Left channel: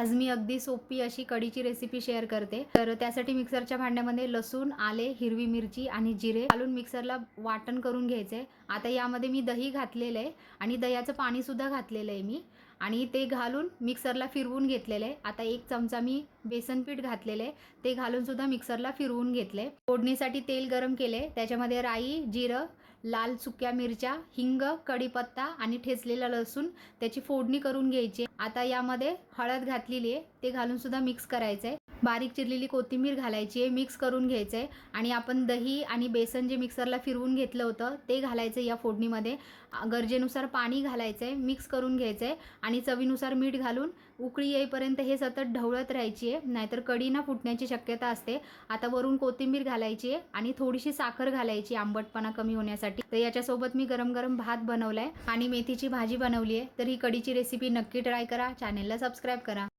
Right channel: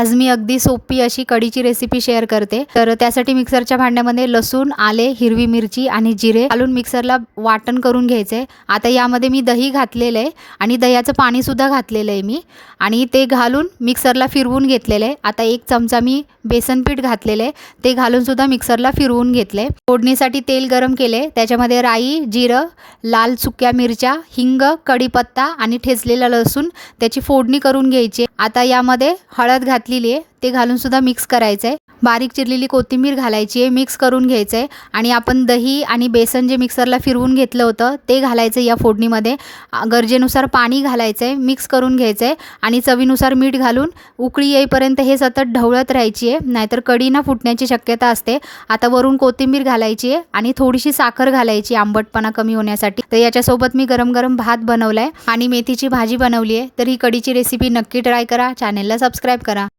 आज मी अगदी सोपी अशी कढीची रेसिपी शेअर करते। तर त्यासाठी मिक्सरच्या भांड्यामध्ये लसूण, आले, हिरवी मिरची आणि जिरे घालून मिक्सरला वाटण करून घ्यायचे। आता यामध्ये मी दही घातलेलं आहे आणि दह्याचं पाणी सुद्धा घातलेलं आहे मी आणि ते घालून मिक्सरला फिरवून घेतलेलं आहे। आता 1 चमचा मी बेसन पीठ घातलेलं आहे, ते घालून सुद्धा मिक्सरला फिरवून घेतले। फोडणीसाठी तेल गरम केले, त्याच्यामध्ये राई, जिरं, लाल सुक्या मिरच्या, हिंग, कढीपत्ता आणि ठेचलेला लसूण त्याची फोडणी करून घ्यायची। आता यामध्ये हळद घातलेली आहे, ते घालून सुद्धा मिक्स करायचं आहे। बारीक चिरलेली कोथिंबीर घालायची आहे, मिक्स करून घ्यायचं आहे आणि आपण दही आणि बेसन जे मिक्सरला फिरवून घेतलं होतं ते घालायचं या फोडणीमध्ये। गरजेनुसार पाणी घालायचं आहे, मिक्स करून घ्यायचं आहे आणि चवीनुसार मीठ घालून उकळी येईपर्यंत हे सतत ढवळत राहायची आहे, नाहीतर कढी ना फुटण्याची शक्यता असते। आता वरून कोथिंबीर घालायची आहे आणि थोडीशी साखर घालायची आंबटपणा कमी होण्यासाठी। तर याच्यासोबत मी गरम गरम भात बनवलाय आणि मेथीची भाजी बनवली आहे। तर ही कढीची रेसिपी नक्की ट्राय करा, चॅनलला सबस्क्राईब करा।